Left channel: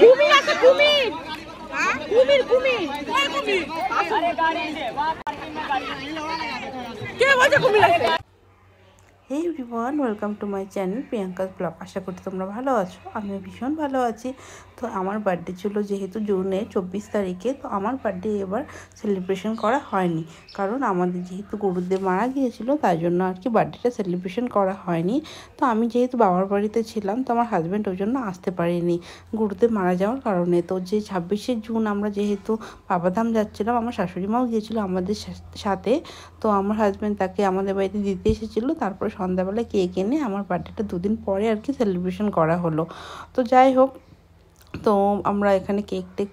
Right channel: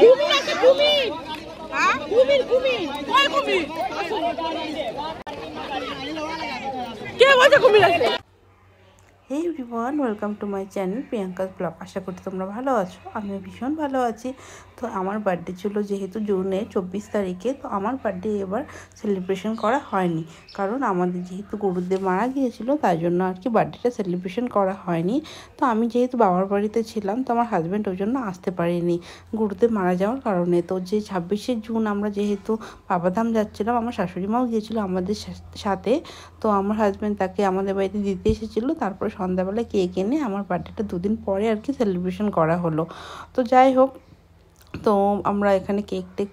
কুমির আছে, কুমির। কুমির কুমির কে বলছে কুমির আছে? Hey everyone, welcome to my channel Priyanka's blog. আশা করি তোমরা ভালো আছো, আমিও ভীষণ ভালো আছি। তো আমার বার্থডে ছিল যেহেতু জুনের 24 তারিখে, তো আমার বার্থডে এবার সেলিব্রেশন করা হয়নি, কারণ আমাদের যেহেতু গুরুদেব মারা গিয়েছিল তাই জন্য আর কি বার্থডেটা সেলিব্রেশন করা হয়নি। তো আমি যেহেতু বাবার বাড়িতে ছিলাম, তো আমার হাজব্যান্ড ওই জন্য আসতে পারিনি গুরুদেব মারা যাওয়ার কারণে। তো যে 26শে জুন আমরা যেহেতু বাবাধাম যাচ্ছিলাম, আমার শাশুড়ি মাও গিয়েছিলো আমাদের সাথে। তো আমার হাজব্যান্ড তাকে আমাদের বাড়িতে দিতে এসেছিলো, তারপরে সন্ধ্যাবেলায় কেক এনে আমার বার্থডেটা দুদিন পরে আর কি সেলিব্রেশন করা হলো। তো যাই হোক, তো আমরা এখানে কেকটা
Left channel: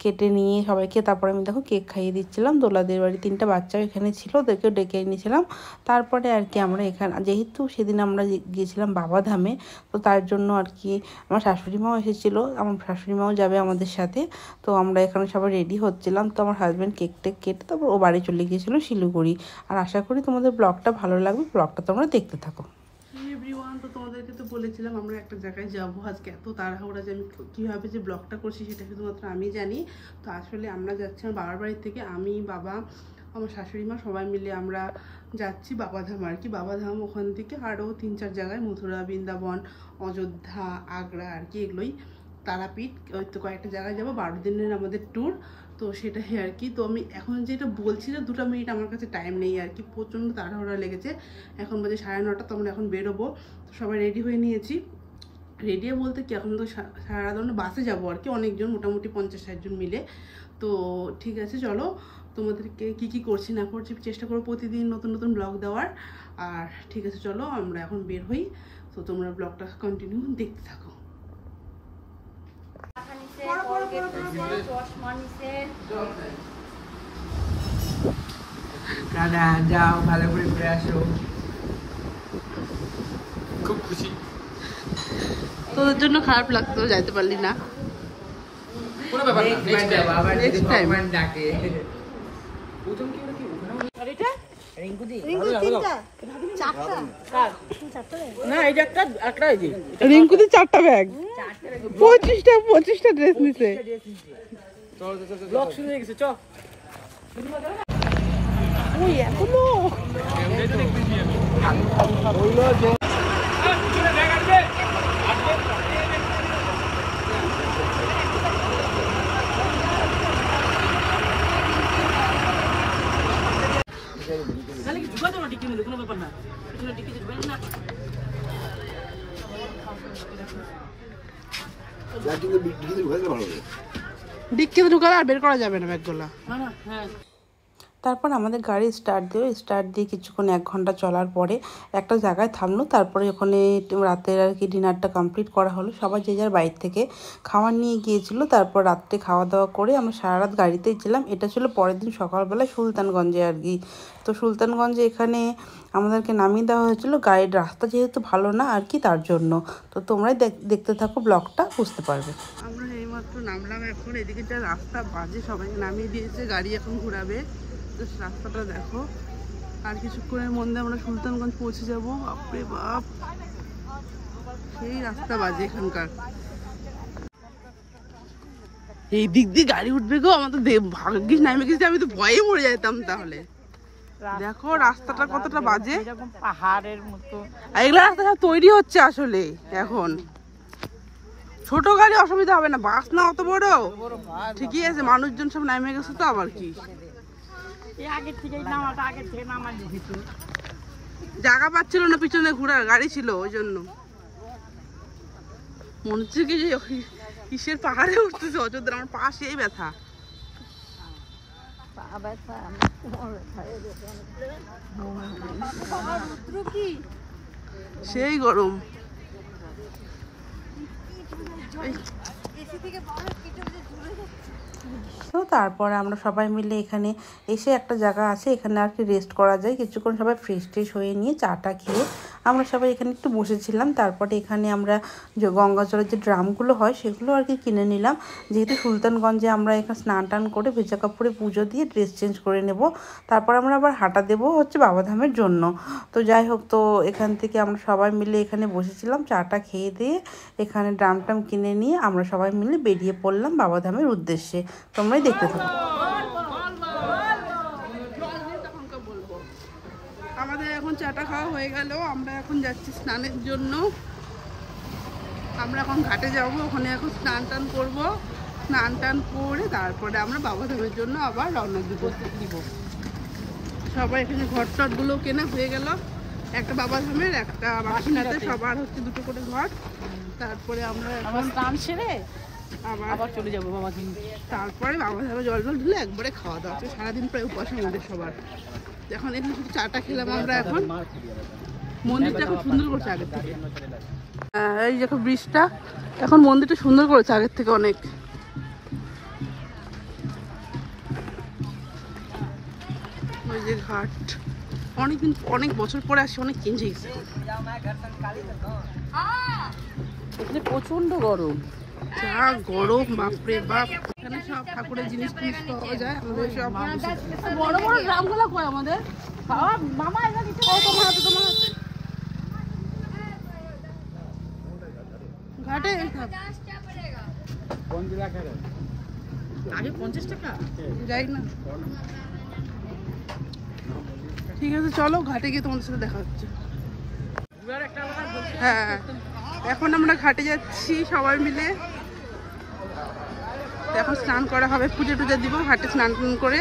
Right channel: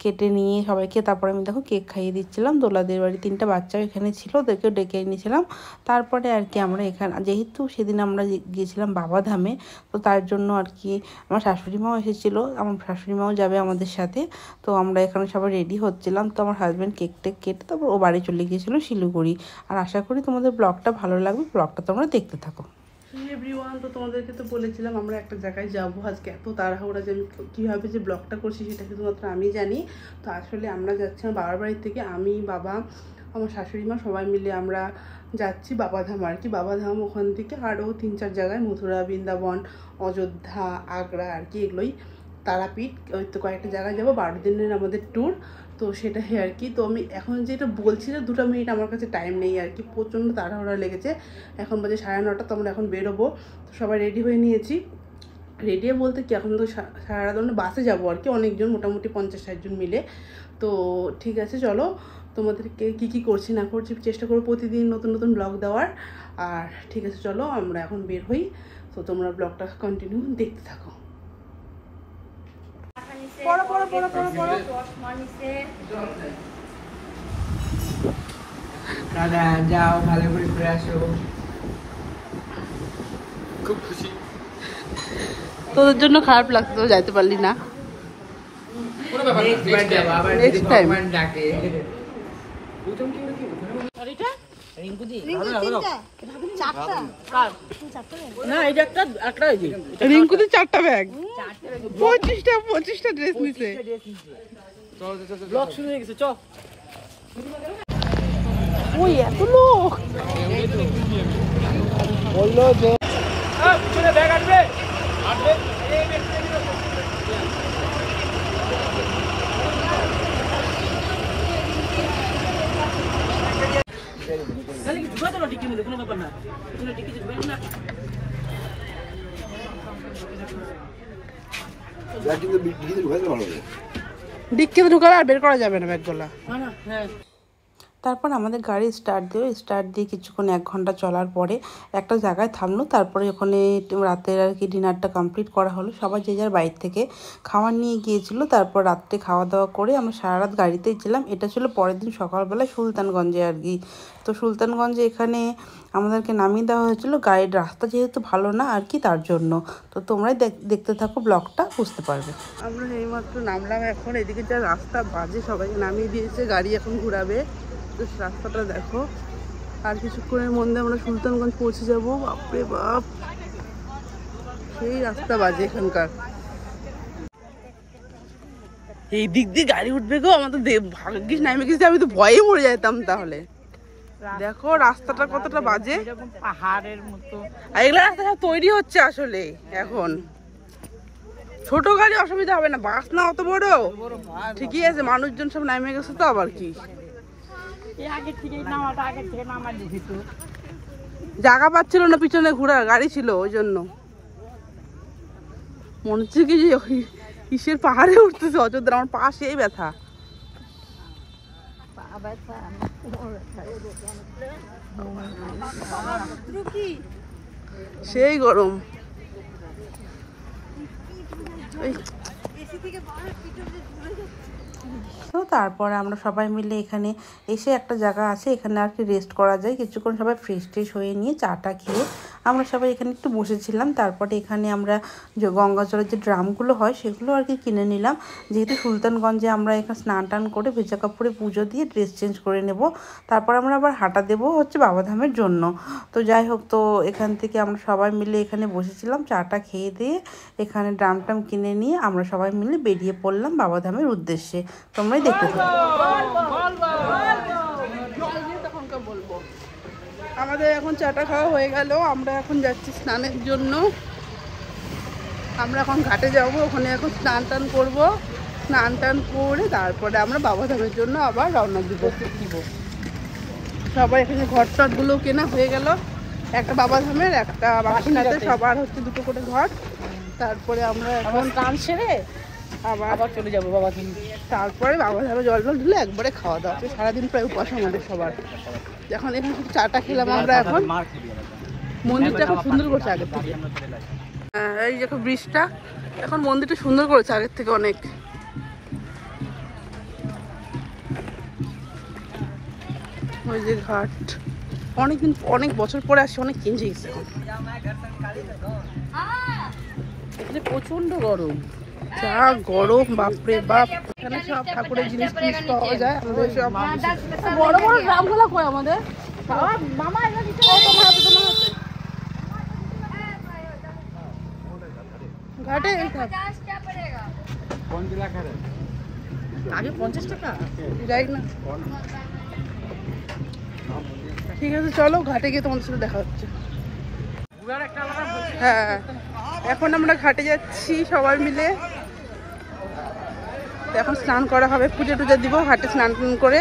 কেটে নিয়ে সবাইকে, তারপরে আমি দেখো কেক খাইয়ে দিচ্ছিলাম। দোলাদের বাড়ি 3টা বাচ্চাও এখানে ছিল, ওদেরকেও ডেকে এনেছিলাম। তারপরে আর কি আমরা এখানে যেহেতু সেদিন আমরা গিয়েছিলাম বাবাধামে, তো তার জন্য আর কি আমার শাশুড়ি মাও এসেছিলো, আমার শাশুড়ি মাও যাবে আমাদের সাথে। তো আমরা এখানে সবাই রেডি হচ্ছিলাম। তো আমার হাজব্যান্ড কেকটা কেটে তারপর ও বাড়ি চলে গিয়েছিলো শিলিগুড়ি। আর আশা করি তোমাদের ব্লগটা ভালো লাগবে, ব্লগটা তোমরা দেখতে থাকো। এভরিওয়ান, তো তোমাদেরকে তো বলেছিলাম আমরা একটা জায়গায় যাবো আজকে। এত তাড়াহুড়া যে আমি কীভাবে যে ব্লগটা করছি সেটা শুধুমাত্র আমি জানি। তো আসলে আমরা যাচ্ছি আমার বাবার বাড়ি থেকে, আমি, বাবা, আমার শাশুড়ি মা সবাই মিলে আমরা যাচ্ছি বাবাধাম আর কি। বাবাধাম ওখান থেকে আরও 3-4 জায়গায়, মথুরা, বৃন্দাবন, অযোধ্যা, আগ্রা আর কি, এগুলোই, তারাপীঠ, ওই তো কয়েকটা জায়গায় যাবো। 12 দিনের আমাদের ট্যুর, তো সেটাই আর কি। তো আমি এখন যেটা বলছি না, 2 মিনিট আমার কাছে টাইম নেই আর কি, প্রচণ্ড তাড়াহুড়া লেগেছে। এখন বাজে 9:30, তো আমরা এখন বেরোবো। তো সবাই রেডি হয়ে নিয়েছি। রেডি বলতে কি, এখন তো সারা ধরনের বাসে যাবো আর কি, অনেকজন, মোটামুটি 50-60 জন মিলে। তো ঠিক আছে, চলো তোমাদেরকে কী করছি না করছি চেষ্টা করবো প্রতিদিন নতুন নতুন ব্লগ দেওয়ার। আর ঠিক আছে, চলো আমরা এখন বের হই। তো তোমরা ব্লগটা কন্টিনিউ দেখতে থাকো। দাদা যাও, ভালো করে ঘুরে আসো। খুব খুশি। তোদের জন্য খারাপ লাগতো যাইতে পারলি না। রিঙ্কুদি 4টা ব্যাগ, 25টা ড্রেস নিছে। ওই এখনো কোনো ব্যাপার না। ডিক্কিতে ঢুকালে আর বের করা যাবে না ব্যাগগুলা। তারপর আমাদের গাড়ি স্টার্ট দিয়ে কিছুক্ষণ 1 ঘন্টা চলার পরে একটা জায়গায় থামলো। তারপরে ওখানে রাতের আর কি ডিনারটা কমপ্লিট করা হলো। সবাই যে যার বাইরে থেকে খাবার নিয়ে গিয়েছিলো। তারপর রাত্রে খাওয়া দাওয়া করে আমরা সারা রাত গাড়িতেই ছিলাম। এটা ছিল পরের দিন সকালবেলা সুলতানগঞ্জে আর কি। তো সুলতানগঞ্জে এখানে আমাদেরকে নামিয়ে দেওয়া হয়েছিল, গাড়ির রাস্তা যেহেতু ভালো না আর কি, তার জন্য। তো তোমরাই দেখতে থাকো, ব্লগটা বুঝতে পারবে। আমরা এইমাত্র নামলাম এখন। এদিকে যা রাস্তা বাজে, সবাইকে নামিয়ে দিয়েছে, গাড়ি এখন ঘুরাবে। রাস্তাটা দেখো, আর কিছুক্ষণের মধ্যে আমরা সুলতানগঞ্জ পৌঁছে যাব। বাপরে বাপ, সেই রাস্তা বাজে এখানকার। এই দিক দিয়ে গাড়ি উঠবে গো, আমার তো ভাগ্যিস নামে গেছি, আমি তো ভয়ে মরে যেতাম তাহলে। দেখো রাস্তাটা কতটা বাজে, পাহাড়ের মতো। আর এগুলো রাস্তাটা তৈরি হচ্ছে আসলে এখন। ছোট গাড়ি অসুবিধা হবে না, বাস না অত বড়, ঠিকই আছে। মানুষজন সব নামে গেছে, তো আবার কি জায়গা পাচ্ছিল না, পিছনে ঘোরার গাড়ি ছিল, ওই জন্য মনে হচ্ছে কি কিসের পাহাড়ে উঠতেছে অযোধ্যা। আমার পা সেই ব্যথা। সেই গরম। তো তারপরে আমরা সবাই মিলে এখানে এসে একটা জায়গা আছে, এখানে আর কি রেস্ট করা যায় কিছুক্ষণ। সবাই ফ্রেশ হয়ে নিয়ে চাটা খেয়ে আমরা সবাই এখানে একটু বসেছিলাম। তারপরে এখানে আমরা যে গঙ্গা জলের যে ড্রামগুলো হয় সেগুলো আর কি কিনে নিলাম, যেহেতু সুলতানগঞ্জে আমরা এখানে স্নান টান করে ভেজা কাপড়ে পুজো দিয়ে ড্রেস চেঞ্জ করে নেব। তারপর আমরা আবার হাঁটা দেবো হচ্ছে বাবাধামের জন্য। তো যাই হোক, তো এখান থেকে আমরা সবাই মিলে এখানে বসেছিলাম, চাটা খেয়ে দিয়ে এখানে ড্রাম টাম কিনে নিয়ে আমরা সবাই মিলে বেরিয়ে পড়লাম বাবাধামের উদ্দেশ্যে। তোমরাই দেখতে থাকো। আমাদের এখন চাটা খাওয়া হয়ে গেল, আমরা এখন যাচ্ছি স্নানের জন্য। আমরা এখন ঘাটে যাব, ওখানে এখন স্নান টান করবো। স্নান টান করে তারপরে আমরা বাবাধামের জন্য আবার রওনা দিব। সবাই এখানে ঘর টটগুলো কেনা হয়ে গেল, একটা বাবাধামের একটা বাসিনাতে, সবার হচ্ছে দুটো করে ঘর। তারপরে আমরা এখন স্নান সেরে আবার চলে যাবো বাবাধাম। তারপরে বাবাধামে জল টল ঢুলে একবারে খাওয়া দাওয়া। সারাদিন প্রায় উপাস আমাদের সবার। এখন এখানে শুধু চাটা খেলাম আমরা। এখন মন্দিরটা এখন সুন্দর করছে আগের থেকে। এই দেখো ব্রিজটা, এখন মন্দিরটা সুন্দর করেছে আগের থেকে অনেক। ওই যে ঘাট, অনেকদিন অনেক বছর পরে আসছে, অনেক চেঞ্জ হয়ে গেছে এখন। এখানে প্রচন্ড গরম, যা গরম, বাপরে বাপ। এখানে সব ঠাকুরের জিনিস টিনিস পাওয়া যায়। আমাদের সব বড় বড় ড্রামগুলো কয় আমাদের মামা তোমার হাতে ঘাটে আগে 50 টাকা যাই না। ঠিক আছে, চলো ঘাটে গিয়ে তোমাদের সাথে দেখা হচ্ছে। হ্যাঁ, এখন আমরা ঘাটে যাচ্ছি সবাই মিলে। এখন স্নান করা হবে, পুজো টুজো দিব ঘাটে স্নান টান করে।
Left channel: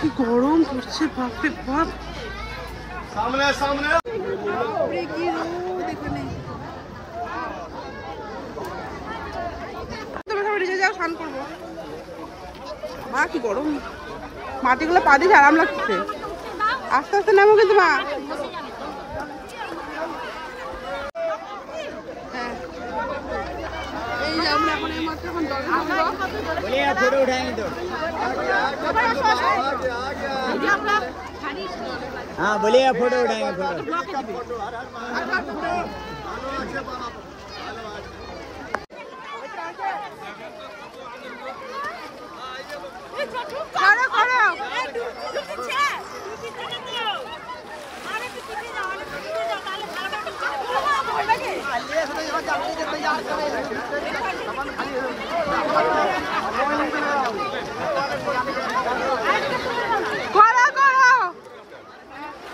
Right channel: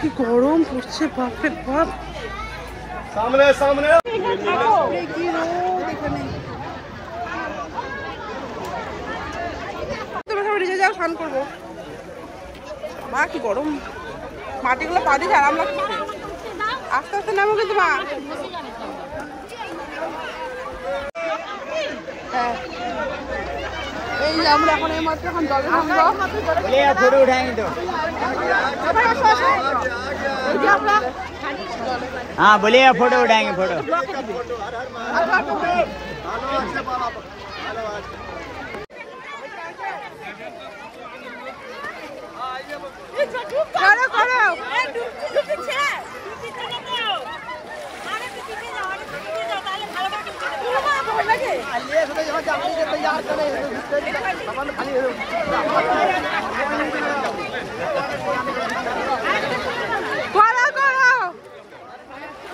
কি গরম পড়ছে, বাপরে বাপ, বাপরে কি রোদ এখানে। যাও স্নান করবো, মা কি গরম, মাটিগুলো পা দিয়ে আরাম লাগছে। আস্তে আস্তে নামো কিন্তু মা। হ্যাঁ, এই যে আমরা এখন এই মাত্র এখন জল हाँ बोलिए, फोटो उठाएंगे, फोटो।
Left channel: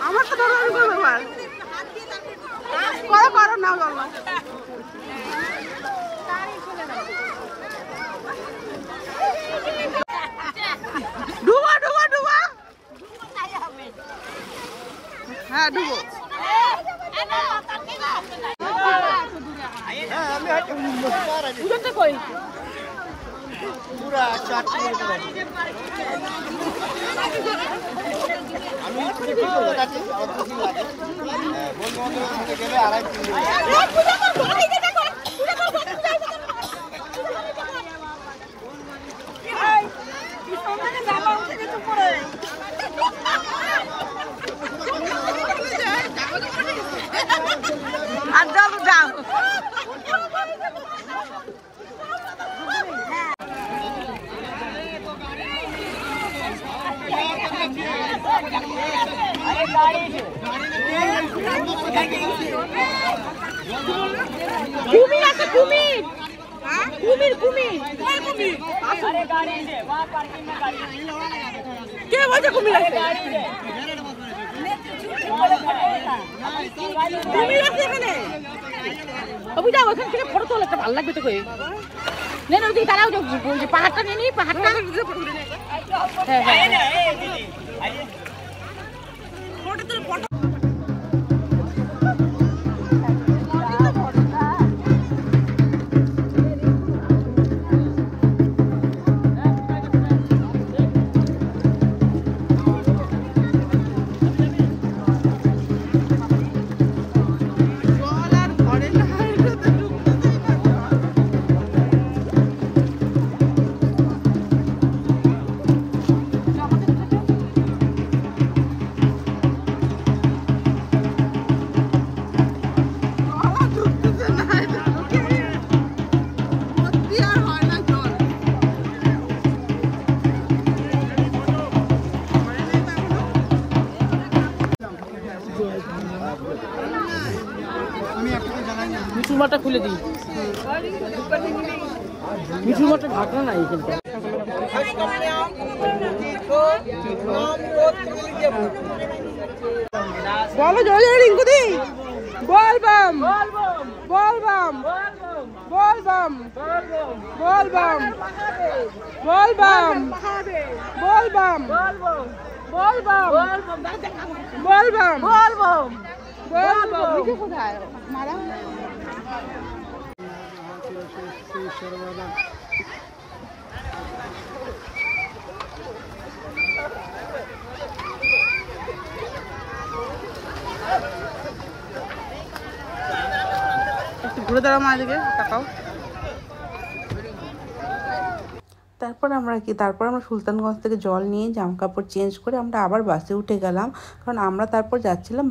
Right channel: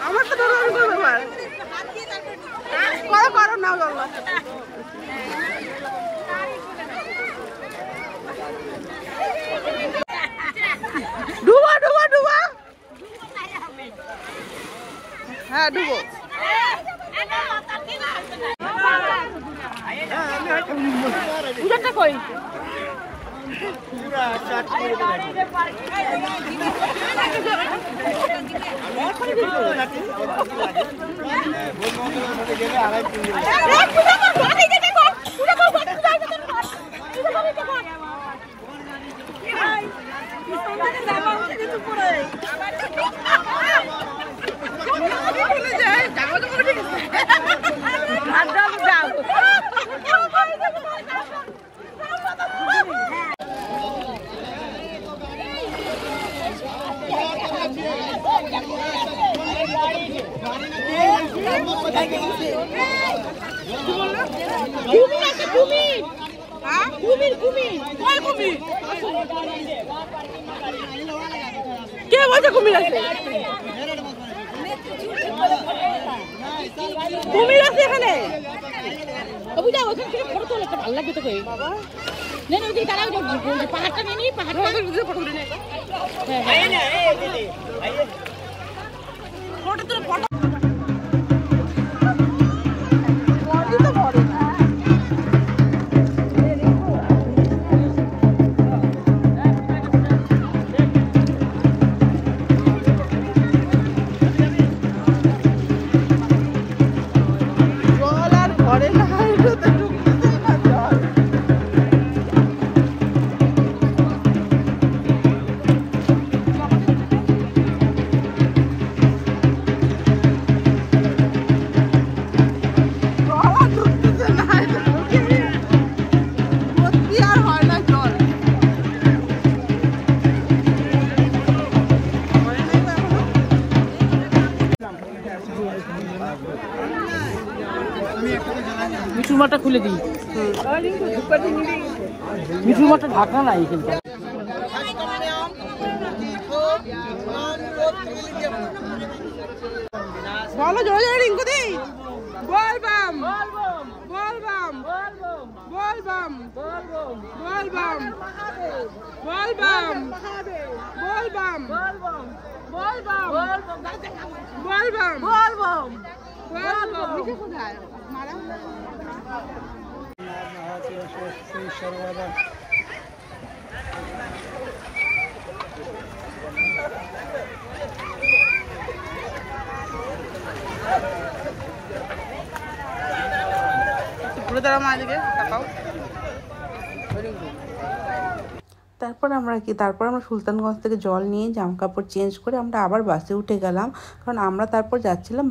আমার তো ধরো করবো, করো করো নাও জল। ডুবো ডুবো ডুবো, হ্যাঁ ডুবো। কুমির আছে, কুমির, কুমির কুমির কে বলছে কুমির আছে? কুমির আছে এখানে। বুঝা ওখান থেকে ফটো তোলা একটা ভালো লাগবে তো কই নেন ওই তারাও যে পাহাড়টা নিয়ে নি, পাহাড়টা হ্যাঁ হ্যাঁ ফটো তোলা, ফটো ওটা খুলে দিই। মিঠুর মতো ঢাকা নাই কিন্তু। বলো জয় জয় রিঙ্কুদি, বল বাম বল বাম বল বাম বল বাম বল বাম বল বাম বল বাম বল বাম বল বাম বল বাম নিচে কোথায় মারা ঘুরে দাঁড়া মা দিকে তাকাও। তারপর আমরা সুলতানগঞ্জ থেকে জল নিয়ে জামা কাপড় চেঞ্জ করে আমরা আবার বাসে উঠে গেলাম, কারণ আমরা তারপর যাচ্ছিলাম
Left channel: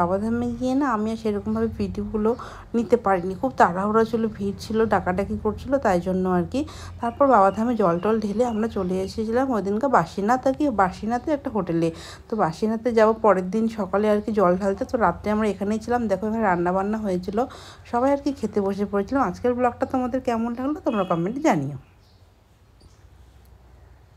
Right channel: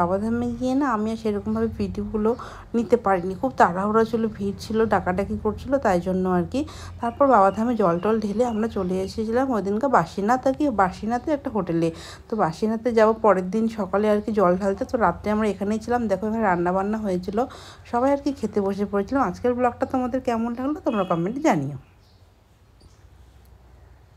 বাবাধামে গিয়ে না আমি আর সেরকমভাবে ভিডিওগুলো নিতে পারিনি, খুব তাড়াহুড়ো ছিল, ভিড় ছিল, ডাকাডাকি করছিল, তাই জন্য আর কি। তারপর বাবাধামে জল টল ঢেলে আমরা চলে এসেছিলাম ওই দিনকে বাসিনাথে একটা হোটেলে। তো বাসিনাথে যাবো পরের দিন সকালে আর কি জল ঢালতে। তো রাত্রে আমরা এখানেই ছিলাম, দেখো এখানে রান্নাবান্না হয়েছিল, সবাই আর কি খেতে বসে পড়েছিলাম। আজকের ব্লগটা তোমাদের কেমন লাগলো তোমরা কমেন্টে জানিও।